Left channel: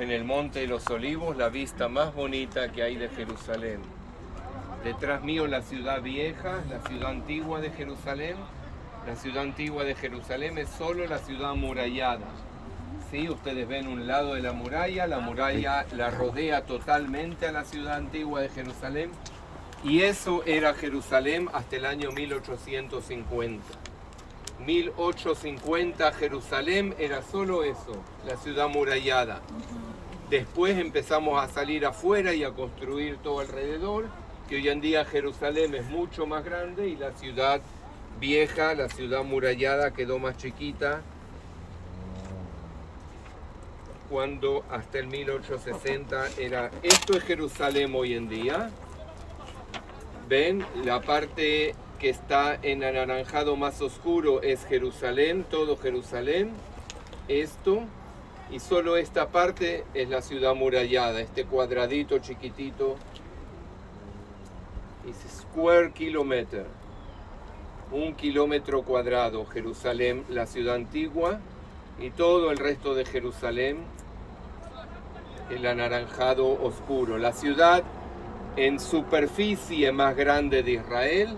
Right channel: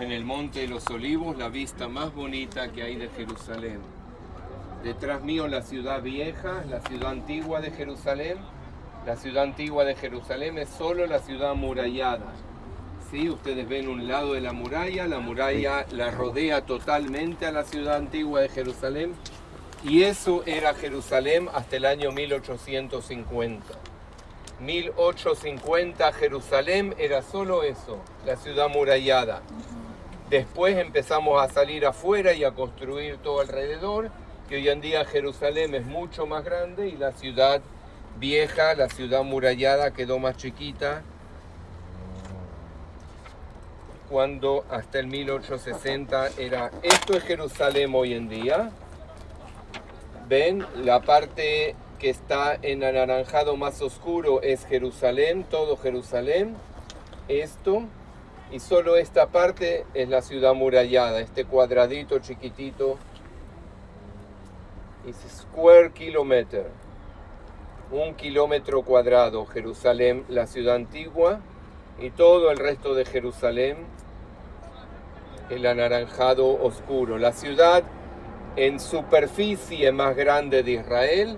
En el Monte de los Olivos, la vista más bonita que hay de Jerusalén. Detrás mío la ciudad vieja, la ciudad antigua de Jerusalén. La ciudad antigua de Jerusalén es solo la ciudad amurallada. ¿Sí? Ustedes ven un lado de la muralla la rodea totalmente a la ciudad antigua de Jerusalén. Y eso era Jerusalén hasta el año 1850. 1850 Jerusalén era solo eso, la ciudad amurallada. Después empezamos a salir afuera y a construir todo alrededor, que hoy en día Jerusalén es mucho más grande y la ciudad vieja, la ciudad amurallada, quedó más chiquita cuando hasta el 1860 era... Esto es Jerusalén hoy en día. ¿Ven? La parte que está en anaranjado más oscuro es Jerusalén, todo Jerusalén. Esto... Y solo esta parte es la ciudad amurallada, este cuadradito chiquitito. Es square kilometer. 1 kilómetro cuadrado, Jerusalén, la ciudad antigua. Y todo el resto de Jerusalén, el anaranjado oscuro. La ciudad en superficie más grande de Israel.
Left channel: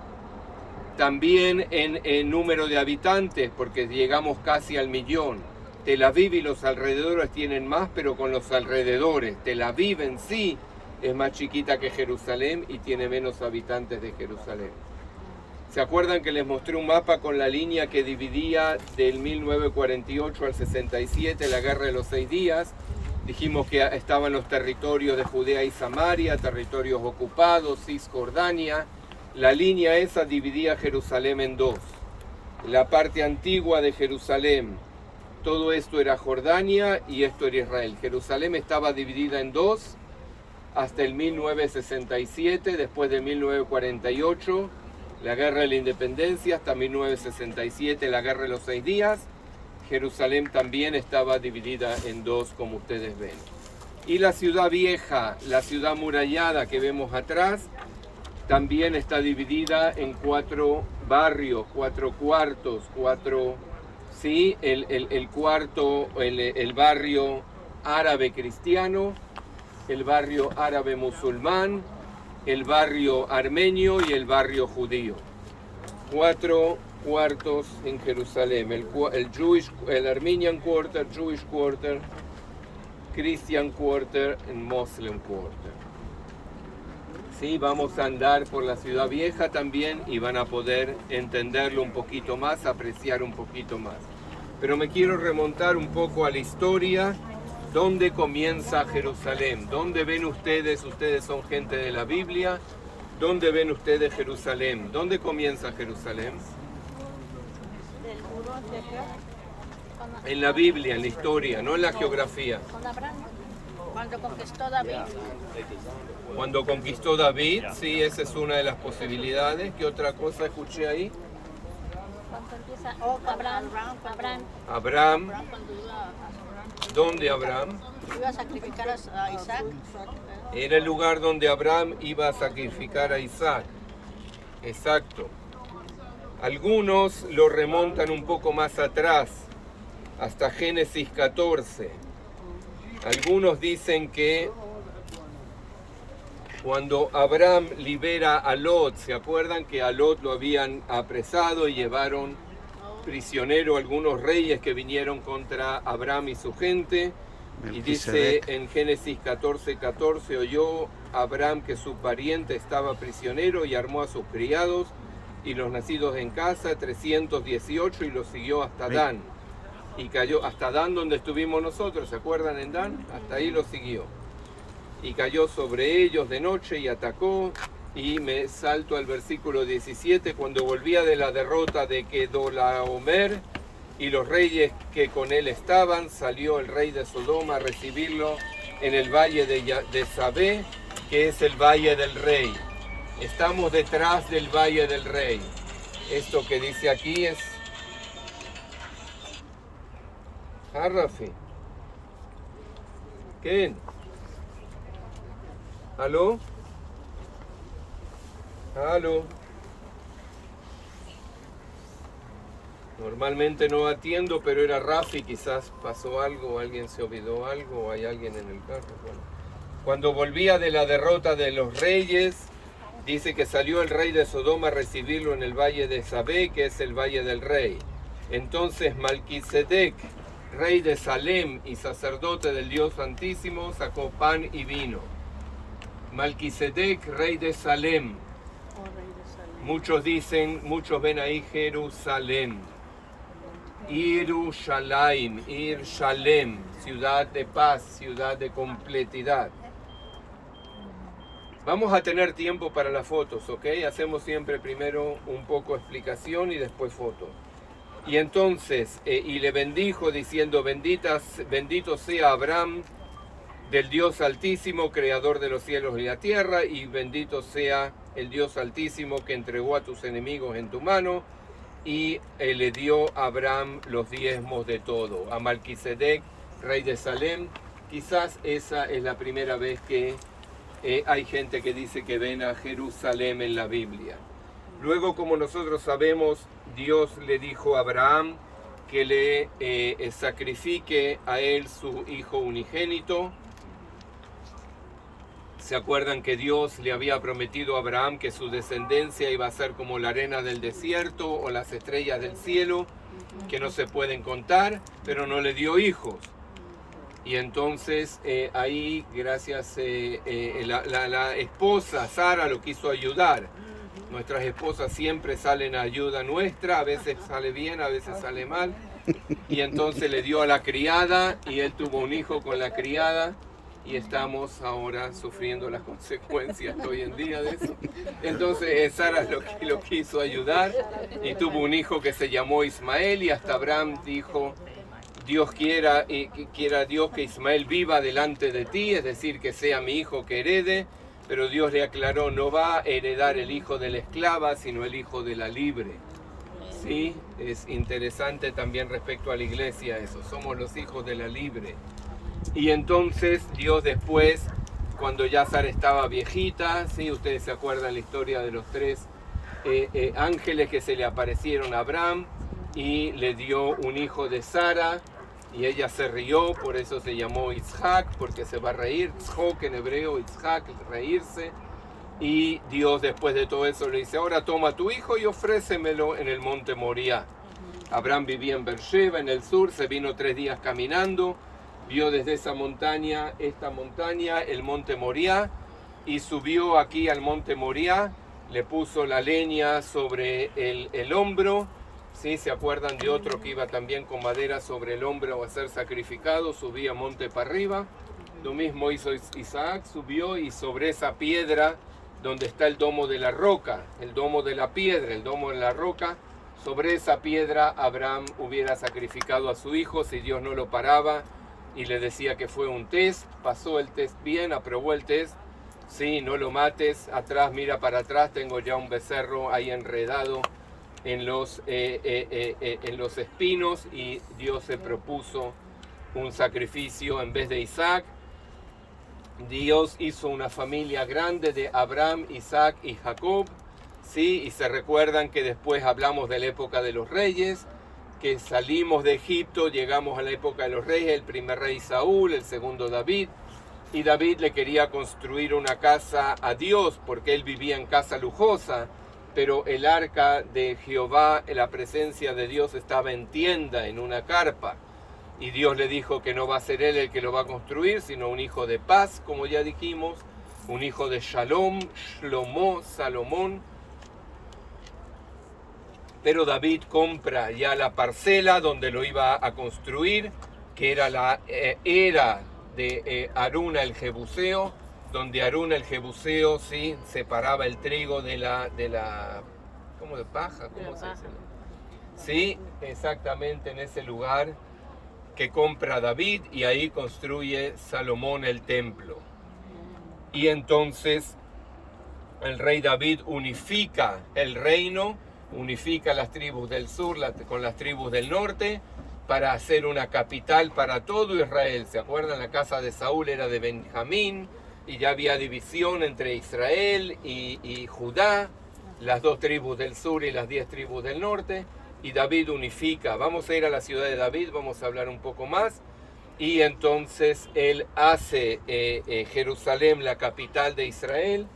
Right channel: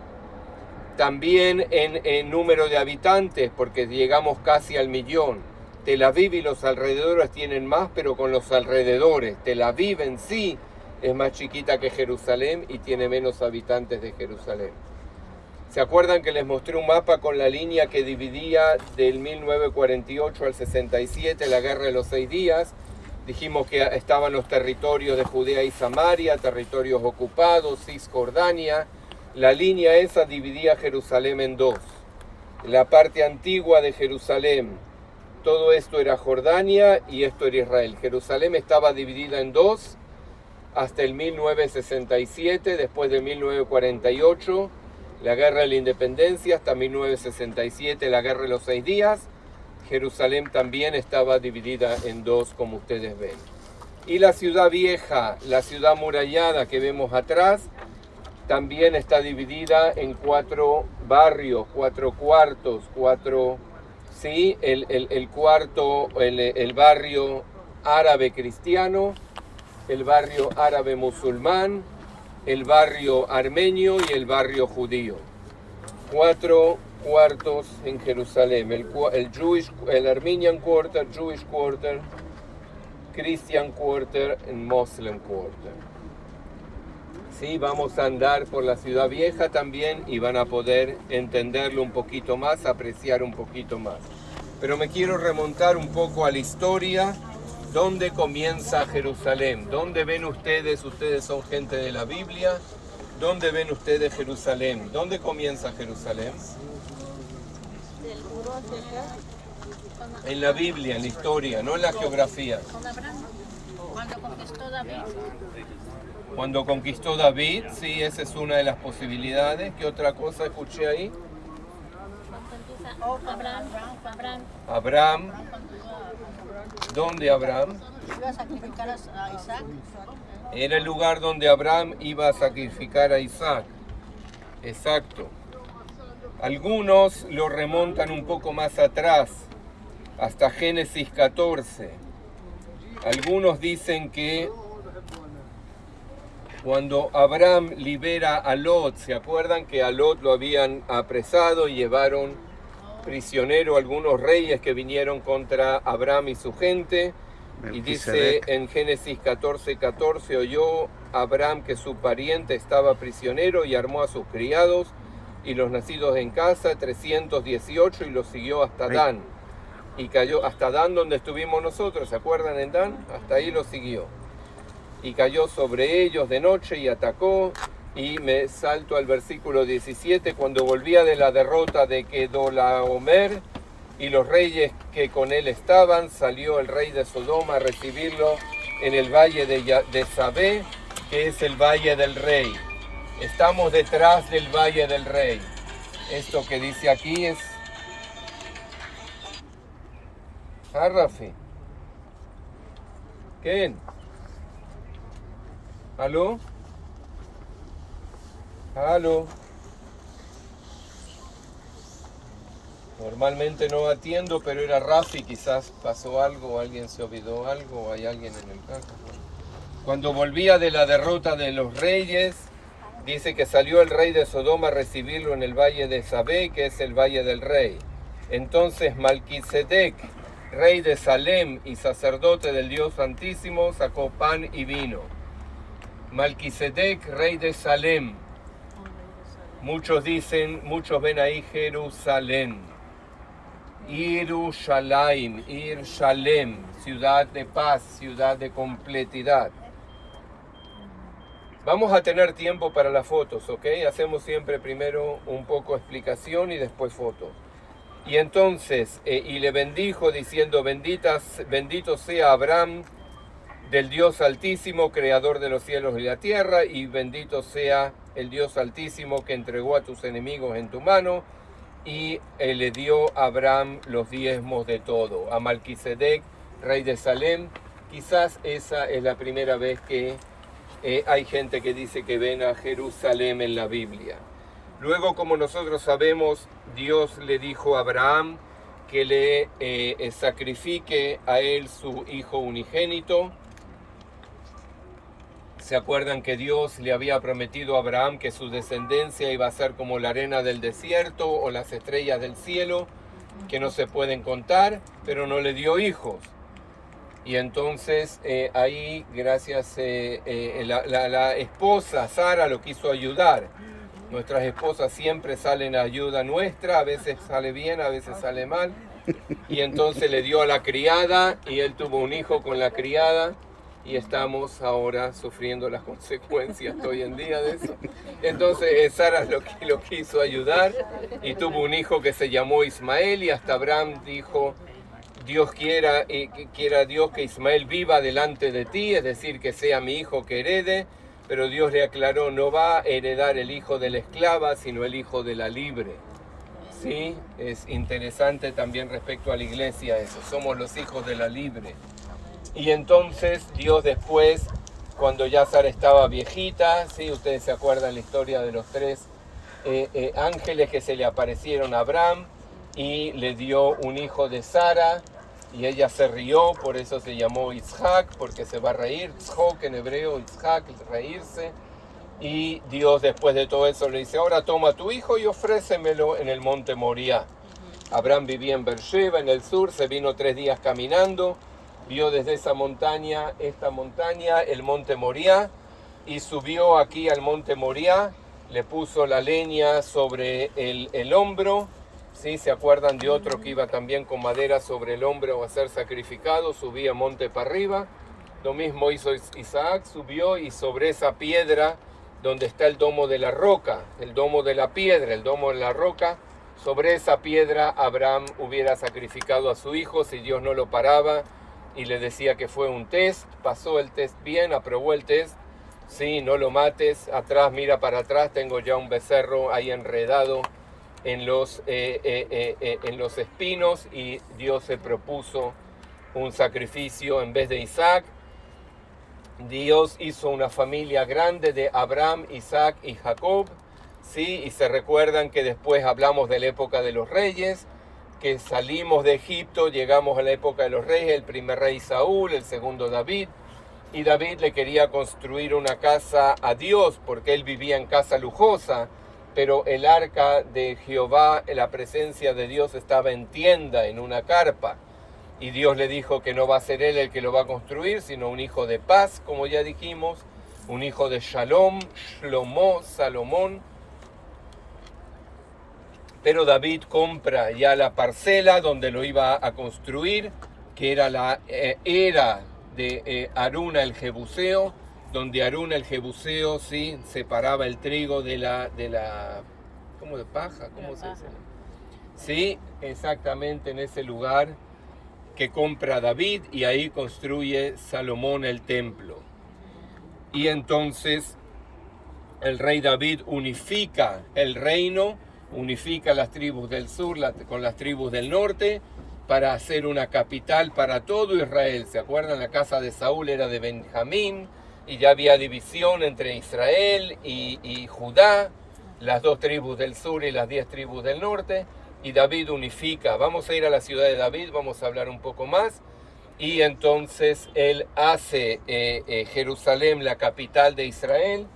También en número de habitantes, porque llegamos casi al 1.000.000. Tel Aviv y los alrededores tienen más, pero con los alrededores. Tel Aviv en sí es más chiquita que Jerusalén y tiene menos habitantes de Jerusalén. ¿Se acuerdan que les mostré un mapa con la línea que dividía del 1948 al 67, la Guerra de los 6 días? Dijimos que estaban los territorios de Judea y Samaria, territorios ocupados, Cisjordania. La línea esa dividía Jerusalén en dos. La parte antigua de Jerusalén, todo esto era Jordania y esto era Israel. Jerusalén estaba dividida en dos hasta el 1967, después de 1948, la Guerra de la Independencia, hasta 1967, la Guerra de los 6 días. Jerusalén también estaba dividida en dos, como ustedes ven. Y la ciudad vieja, la ciudad amurallada que vemos atrás, también está dividida en 4 barrios, 4 cuartos, 4... ¿sí? El barrio árabe cristiano, el barrio árabe musulmán, el barrio armenio y el barrio judío. 4 cuartos en Jerusalén, el Armenian Quarter, Jewish Quarter, Christian Quarter y Muslim Quarter. Sí, vamos a andar por la ciudad vieja también y van a poder entenderlo un poquito más, apreciar un poquito más. Pero me quiero remontar un poco a la historia. ¿Dónde comienza Jerusalén? ¿Dónde ven ustedes? Ustedes son gente de la Biblia. ¿Dónde ven ustedes Jerusalén? ¿Dónde comienza Jerusalén? En la Biblia, en la historia, no en la geografía. Cuando conquistó David. Cuando conquistó David, sí, esa es una de las posibilidades. ¿Qué otra cosa escuché ahí? Abraham. ¿Dónde Abraham? Iba a sacrificar a Isaac. Era el lugar donde Abraham iba a sacrificar a Isaac. Exacto. Algunos lo remontan un poco más atrás, hasta Génesis 14. Algunos dicen que cuando Abraham libera a Lot, ¿se acuerdan que a Lot lo habían apresado y llevaron prisionero algunos reyes que vinieron contra Abraham y su gente? Y dice en Génesis 14:14, oyó Abraham que su pariente estaba prisionero y armó a sus criados y los nacidos en casa, 318, y los siguió hasta Dan. Y cayó hasta Dan, donde estuvimos nosotros, ¿se acuerdan en Dan? Hasta ahí lo siguió. Y cayó sobre ellos de noche y atacó. Y me salto al versículo 17, cuando volvía de la derrota de Kedorlaomer y los reyes que con él estaban, salió el rey de Sodoma a recibirlo en el valle de Sabé, que es el valle del rey. Estamos detrás del valle del rey. Esto que dice aquí es... Rafi. ¿Quién? ¿Aló? ¿Aló? Normalmente no atiendo, pero era Rafi, quizás pasó algo, alguien se olvidó algo, o hay alguien en el carro. Cuando volvía de la derrota de los reyes, dice que salió el rey de Sodoma a recibirlo en el valle de Sabé, que es el valle del rey. Entonces Malquisedec, rey de Salem y sacerdote del Dios Santísimo, sacó pan y vino. Malquisedec, rey de Salem. Muchos dicen, muchos ven ahí Jerusalén. Yerushalayim, Shalem, ciudad de paz, ciudad de completidad. Vamos a tener tiempo para las fotos, ¿ok? Hacemos siempre primero un poco explicación y después fotos. Y entonces, y le bendijo diciendo, bendito sea Abraham del Dios Altísimo, creador de los cielos y la tierra, y bendito sea el Dios Altísimo que entregó a tus enemigos en tu mano, y le dio a Abraham los diezmos de todo. A Malquisedec, rey de Salem, quizás esa es la primera vez que hay gente que dice que ven a Jerusalén en la Biblia. Luego, como nosotros sabemos, Dios le dijo a Abraham que le sacrifique a él su hijo unigénito. ¿Se acuerdan que Dios le había prometido a Abraham que su descendencia iba a ser como la arena del desierto o las estrellas del cielo, que no se pueden contar, pero no le dio hijos? Y entonces ahí, gracias, la esposa Sara lo quiso ayudar. Nuestras esposas siempre salen a ayuda nuestra, a veces sale bien, a veces sale mal. Y entonces le dio a la criada y él tuvo un hijo con la criada. Y estamos ahora sufriendo las consecuencias hoy en día de eso. Entonces Sara lo quiso ayudar y tuvo un hijo que se llamó Ismael, y hasta Abraham dijo, Dios quiera Dios que Ismael viva delante de ti, es decir, que sea mi hijo que herede. Pero Dios le aclaró, no va a heredar el hijo de la esclava, sino el hijo de la libre. Sí, es interesante también respecto a la iglesia eso, somos los hijos de la libre. Y entonces Dios después, cuando ya Sara estaba viejita, ¿sí? Ustedes se acuerdan la historia de los tres ángeles que se le aparecieron a Abraham y le dio un hijo de Sara, y ella se rió, por eso se llamó Isaac, porque se va a reír, Tzhok en hebreo, Isaac, reírse. Y Dios después de todo eso le dice, ahora toma tu hijo y ofrécemelo en el monte Moriah. Abraham vivía en Beersheba, en el sur, se vino 3 días caminando, vio desde esa montaña, esta montaña, el monte Moriah, y subió aquí al monte Moriah, le puso la leña sobre el hombro. ¿Sí? ¿Se acuerdan de otro que iba también con madera sobre el hombro a ser sacrificado? Subía monte para arriba. Lo mismo hizo Isaac, subió, y sobre esa piedra donde está el domo de la roca, el domo de la piedra, el domo de la roca, sobre esa piedra Abraham hubiera sacrificado a su hijo si Dios no lo paraba y le decía que fue un test. Pasó el test bien, aprobó el test. Sí, no lo mates, atrás, mira para atrás, tengo ya un becerro ahí enredado en los espinos, y Dios se propuso un sacrificio en vez de Isaac. Dios hizo una familia grande de Abraham, Isaac y Jacob, ¿sí? Y se recuerdan que después hablamos de la época de los reyes, que salimos de Egipto, llegamos a la época de los reyes, el primer rey Saúl, el segundo David, y David le quería construir una casa a Dios porque él vivía en casa lujosa, pero el arca de Jehová, la presencia de Dios, estaba en tienda, en una carpa. Y Dios le dijo que no va a ser él el que lo va a construir, sino un hijo de paz, como ya dijimos, un hijo de Shalom, Shlomo, Salomón. Pero David compra ya la parcela donde lo iba a construir, que era la era de Aruna el Jebuseo, donde Aruna el Jebuseo, sí, separaba el trigo de la ¿cómo de paja? ¿Cómo se dice? Sí, exactamente en ese lugar que compra David, y ahí construye Salomón el templo. Y entonces el rey David unifica el reino, unifica las tribus del sur con las tribus del norte para hacer una capital para todo Israel. ¿Se acuerdan? La casa de Saúl era de Benjamín, y ya había división entre Israel y Judá, las 2 tribus del sur y las 10 tribus del norte. y David unifica. Vamos a ir a la ciudad de David, vamos a hablar un poco más. Y entonces él hace Jerusalén la capital de Israel.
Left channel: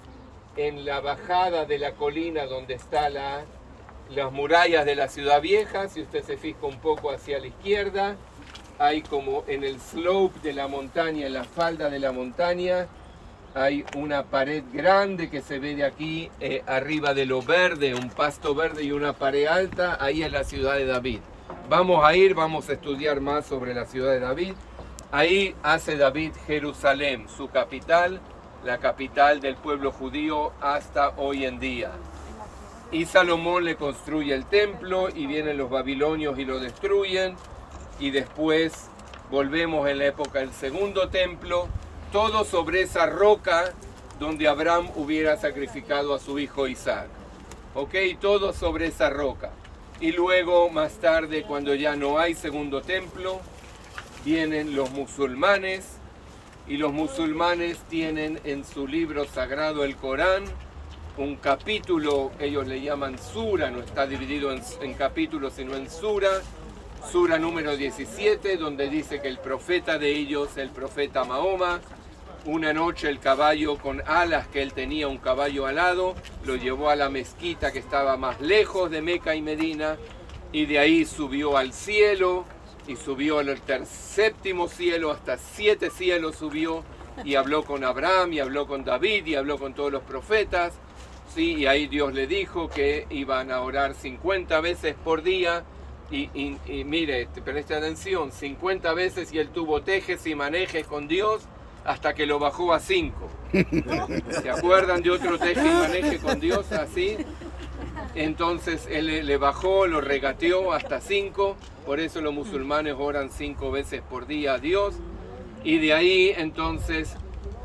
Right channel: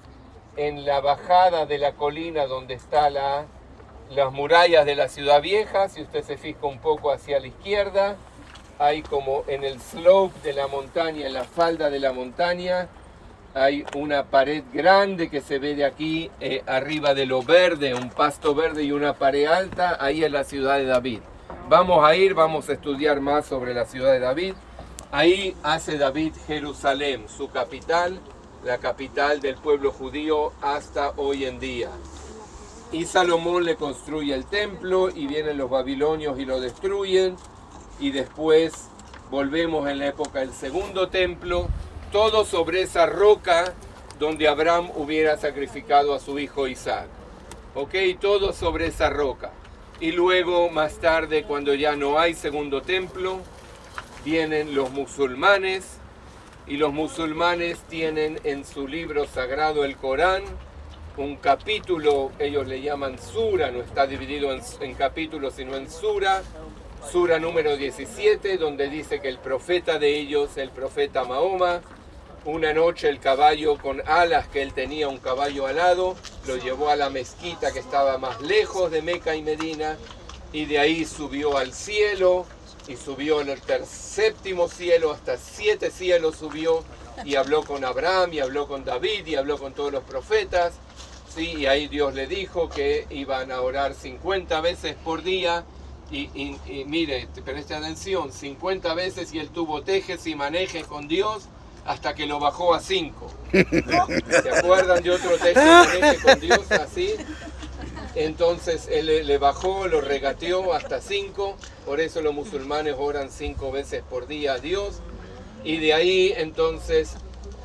En la bajada de la colina donde están las murallas de la ciudad vieja, si usted se fija un poco hacia la izquierda, hay como en el slope de la montaña, en la falda de la montaña, hay una pared grande que se ve de aquí arriba de lo verde, un pasto verde y una pared alta. Ahí es la ciudad de David. Vamos a ir, vamos a estudiar más sobre la ciudad de David. Ahí hace David Jerusalén, su capital, la capital del pueblo judío hasta hoy en día. Y Salomón le construye el templo y vienen los babilonios y lo destruyen. Y después volvemos en la época del segundo templo, todo sobre esa roca donde Abraham hubiera sacrificado a su hijo Isaac. ¿Ok? Todo sobre esa roca. Y luego, más tarde, cuando ya no hay segundo templo, vienen los musulmanes, y los musulmanes tienen en su libro sagrado, el Corán, un capítulo, ellos le llaman sura, no está dividido en capítulos, sino en sura número 17, donde dice que el profeta de ellos, el profeta Mahoma, una noche el caballo con alas que él tenía, un caballo alado, lo llevó a la mezquita que estaba más lejos de Meca y Medina, y de ahí subió al cielo, y subió en el séptimo cielo, hasta 7 cielos subió, y habló con Abraham, y habló con David, y habló con todos los profetas, ¿sí? Y ahí Dios le dijo que iban a orar 50 veces por día, y mire, preste atención, 50 veces, y él tuvo tejes y manejes con Dios, hasta que lo bajó a 5. ¿Se acuerdan de otro teje y maneje con Dios así? Entonces él le bajó, lo regateó hasta 5, por eso los musulmanes oran 5 veces por día a Dios. Y de ahí entonces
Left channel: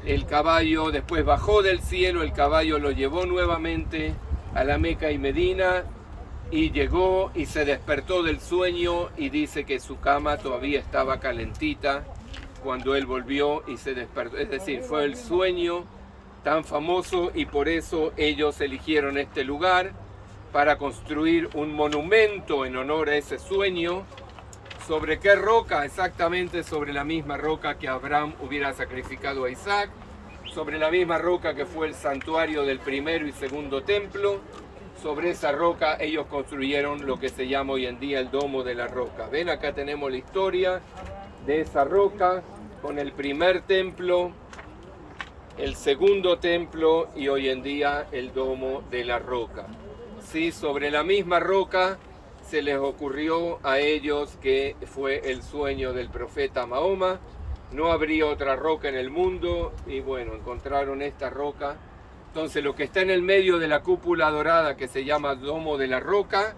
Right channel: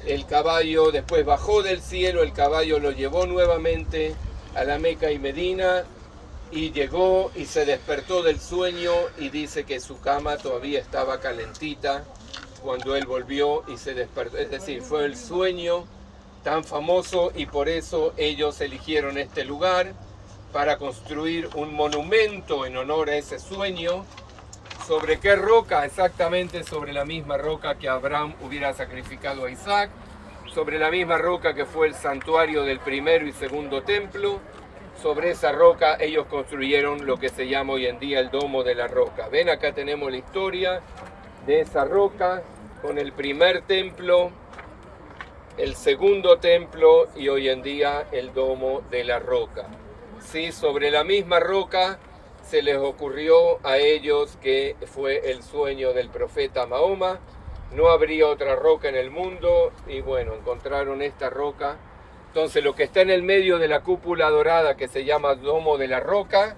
el caballo después bajó del cielo, el caballo lo llevó nuevamente a la Meca y Medina, y llegó y se despertó del sueño, y dice que su cama todavía estaba calentita cuando él volvió y se despertó. Es decir, fue el sueño tan famoso, y por eso ellos eligieron este lugar para construir un monumento en honor a ese sueño. ¿Sobre qué roca? Exactamente sobre la misma roca que Abraham hubiera sacrificado a Isaac, sobre la misma roca que fue el santuario del primero y segundo templo. Sobre esa roca ellos construyeron lo que se llama hoy en día el Domo de la Roca. Ven, acá tenemos la historia de esa roca con el primer templo, el segundo templo y hoy en día el Domo de la Roca. Sí, sobre la misma roca se les ocurrió a ellos, que fue el sueño del profeta Mahoma. No habría otra roca en el mundo, y bueno, encontraron esta roca. Entonces lo que está en el medio de la cúpula dorada, que se llama Domo de la Roca,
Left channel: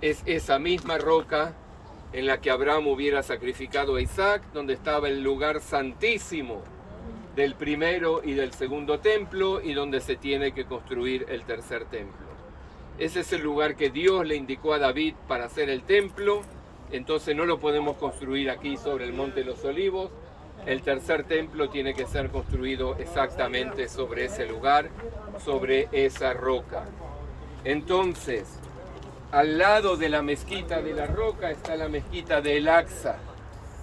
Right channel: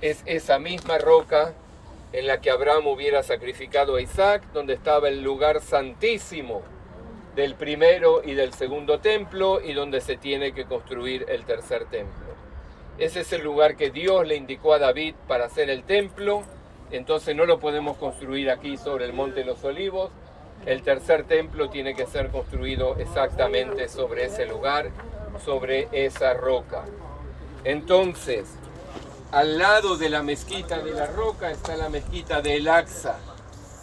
es esa misma roca en la que Abraham hubiera sacrificado a Isaac, donde estaba el lugar santísimo del primero y del segundo templo, y donde se tiene que construir el tercer templo. Ese es el lugar que Dios le indicó a David para hacer el templo. Entonces no lo podemos construir aquí sobre el Monte de los Olivos. El tercer templo tiene que ser construido exactamente sobre ese lugar, sobre esa roca. Entonces, al lado de la mezquita de la roca está la mezquita de El-Aqsa.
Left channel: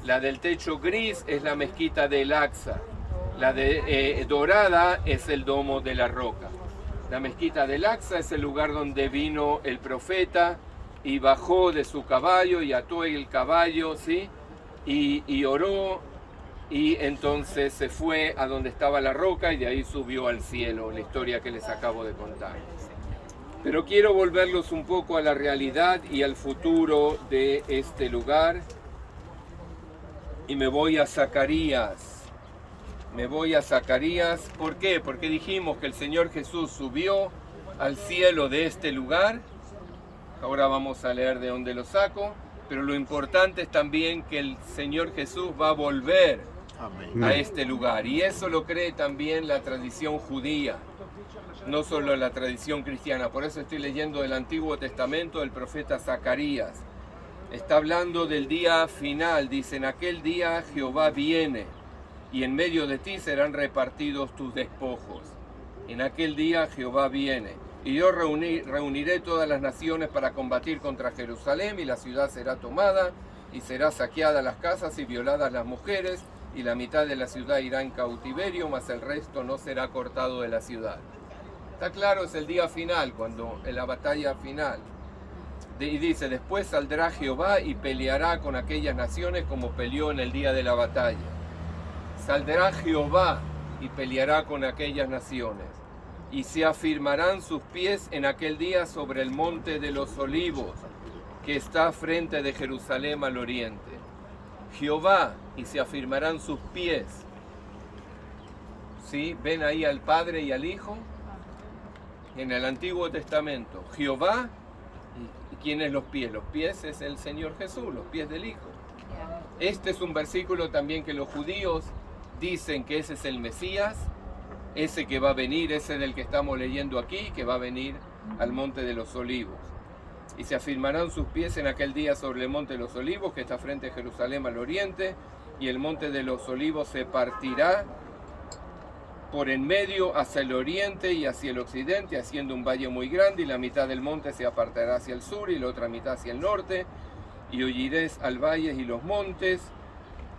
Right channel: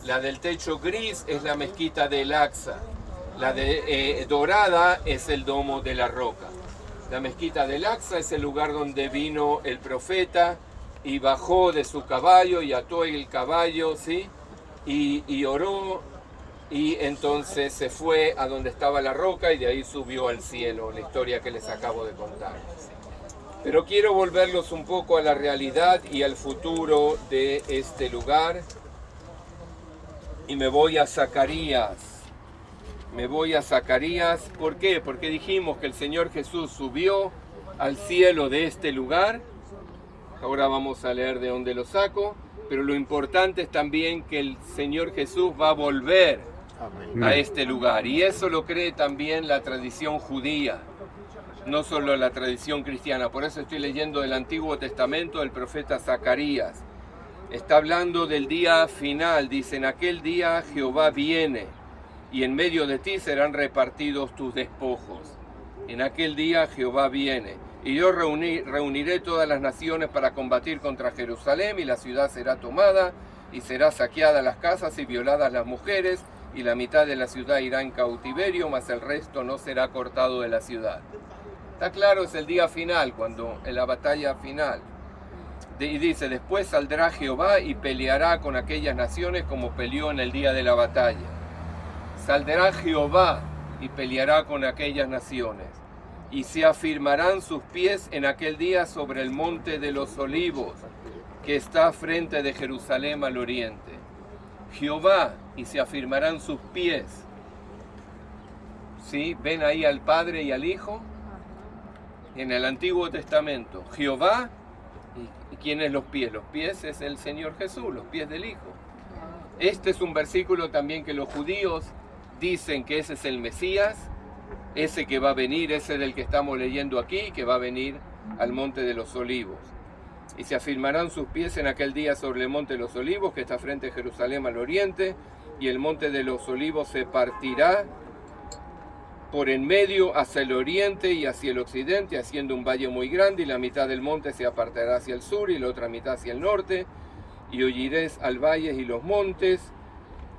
La del techo gris es la mezquita de El-Aqsa. La de dorada es el Domo de la Roca. La mezquita de El-Aqsa es el lugar donde vino el profeta y bajó de su caballo y ató el caballo, ¿sí? Y oró, y entonces se fue a donde estaba la roca y de ahí subió al cielo, la historia que les acabo de contar. Pero quiero volverlos un poco a la realidad y al futuro de este lugar, y me voy a Zacarías. ¿Por qué? Porque dijimos que el Señor Jesús subió al cielo de este lugar. Ahora vamos a leer de dónde lo saco, pero lo importante es también que el Señor Jesús va a volver a este lugar, y eso lo cree también la tradición judía, no solo la tradición cristiana. Por eso estoy leyendo del Antiguo Testamento del profeta Zacarías. Está hablando del día final, dice: en aquel día Jehová viene, y en medio de ti serán repartidos tus despojos. En aquel día Jehová viene. y yo reuniré todas las naciones para combatir contra Jerusalén, y la ciudad será tomada, y será saqueada las casas y violadas las mujeres, y la mitad de la ciudad irá en cautiverio, mas el resto no será cortado de la ciudad. Está claro, es el día final, cuando en la batalla final. Y dice, después saldrá Jehová y peleará con aquellas naciones como peleó en el día de la batalla. Saldrá Jehová y peleará con aquellas naciones, y se afirmarán sus pies en aquel día sobre el monte de los olivos, que está frente de Jerusalén al oriente. Jehová, y se afirmarán sus pies. ¿Sí? ¿Ven ahí al Padre y al Hijo? En el Antiguo Testamento, Jehová, ¿y quién es los pies? Los pies es el Señor Jesús, los pies del Hijo. Este es un versículo también que los judíos dicen que ese es el Mesías, ese que va a venir, ese del que estamos leyendo aquí, que va a venir al monte de los olivos. Y se afirmarán sus pies en aquel día sobre el monte de los olivos, que está frente a Jerusalén al oriente, y el monte de los olivos se partirá por en medio hacia el oriente y hacia el occidente, haciendo un valle muy grande, y la mitad del monte se apartará hacia el sur y la otra mitad hacia el norte, y oiréis al valle y los montes,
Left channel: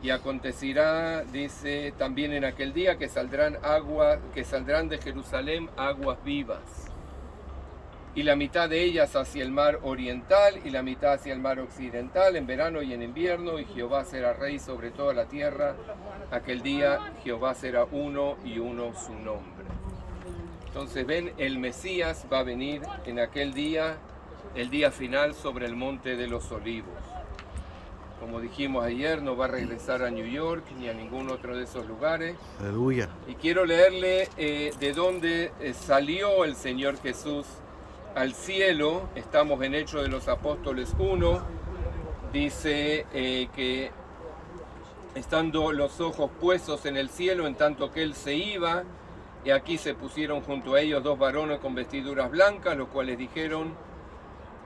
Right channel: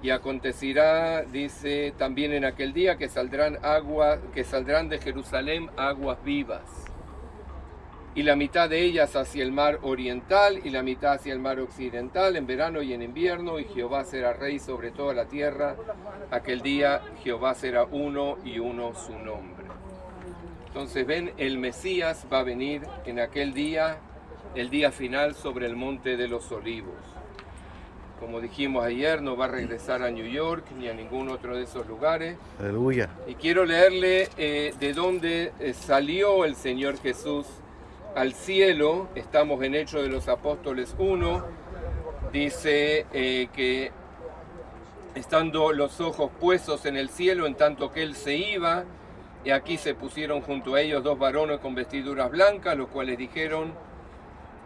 y acontecerá, dice, también en aquel día que saldrán de Jerusalén aguas vivas, y la mitad de ellas hacia el mar oriental y la mitad hacia el mar occidental, en verano y en invierno, y Jehová será rey sobre toda la tierra. Aquel día Jehová será uno y uno su nombre. Entonces ven, el Mesías va a venir en aquel día, el día final, sobre el monte de los olivos. Como dijimos ayer, no va a regresar a New York ni a ningún otro de esos lugares. Aleluya. Y quiero leerle de dónde salió el Señor Jesús al cielo. Estamos en Hechos de los Apóstoles 1. Dice que estando los ojos puestos en el cielo, en tanto que él se iba, y aquí se pusieron junto a ellos dos varones con vestiduras blancas, los cuales dijeron:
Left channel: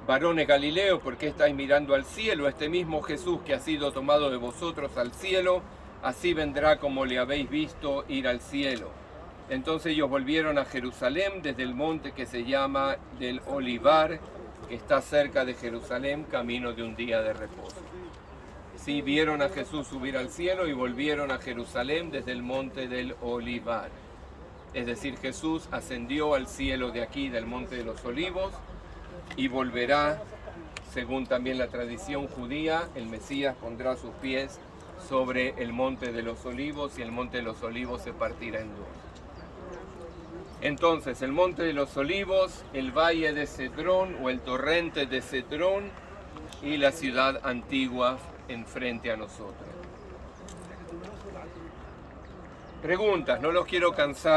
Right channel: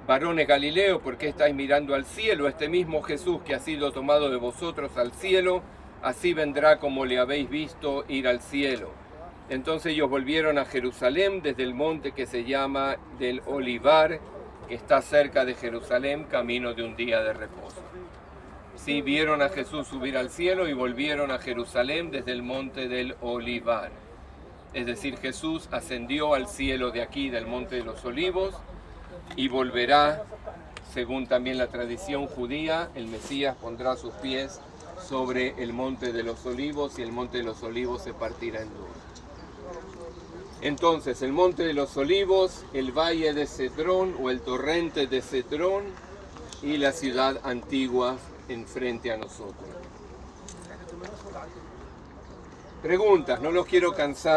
varones Galileo, ¿por qué estáis mirando al cielo? Este mismo Jesús que ha sido tomado de vosotros al cielo, así vendrá como le habéis visto ir al cielo. Entonces ellos volvieron a Jerusalén desde el monte que se llama del Olivar, que está cerca de Jerusalén, camino de un día de reposo. Sí, vieron a Jesús subir al cielo y volvieron a Jerusalén desde el monte del Olivar. Es decir, Jesús ascendió al cielo de aquí, del monte de los olivos, y volverá, según también la tradición judía, el Mesías pondrá sus pies sobre el monte de los olivos y el monte de los olivos se partirá en dos. Entonces, el monte de los olivos, el valle de Cedrón o el torrente de Cedrón y la ciudad antigua enfrente a nosotros. Preguntas, no los quiero cansar.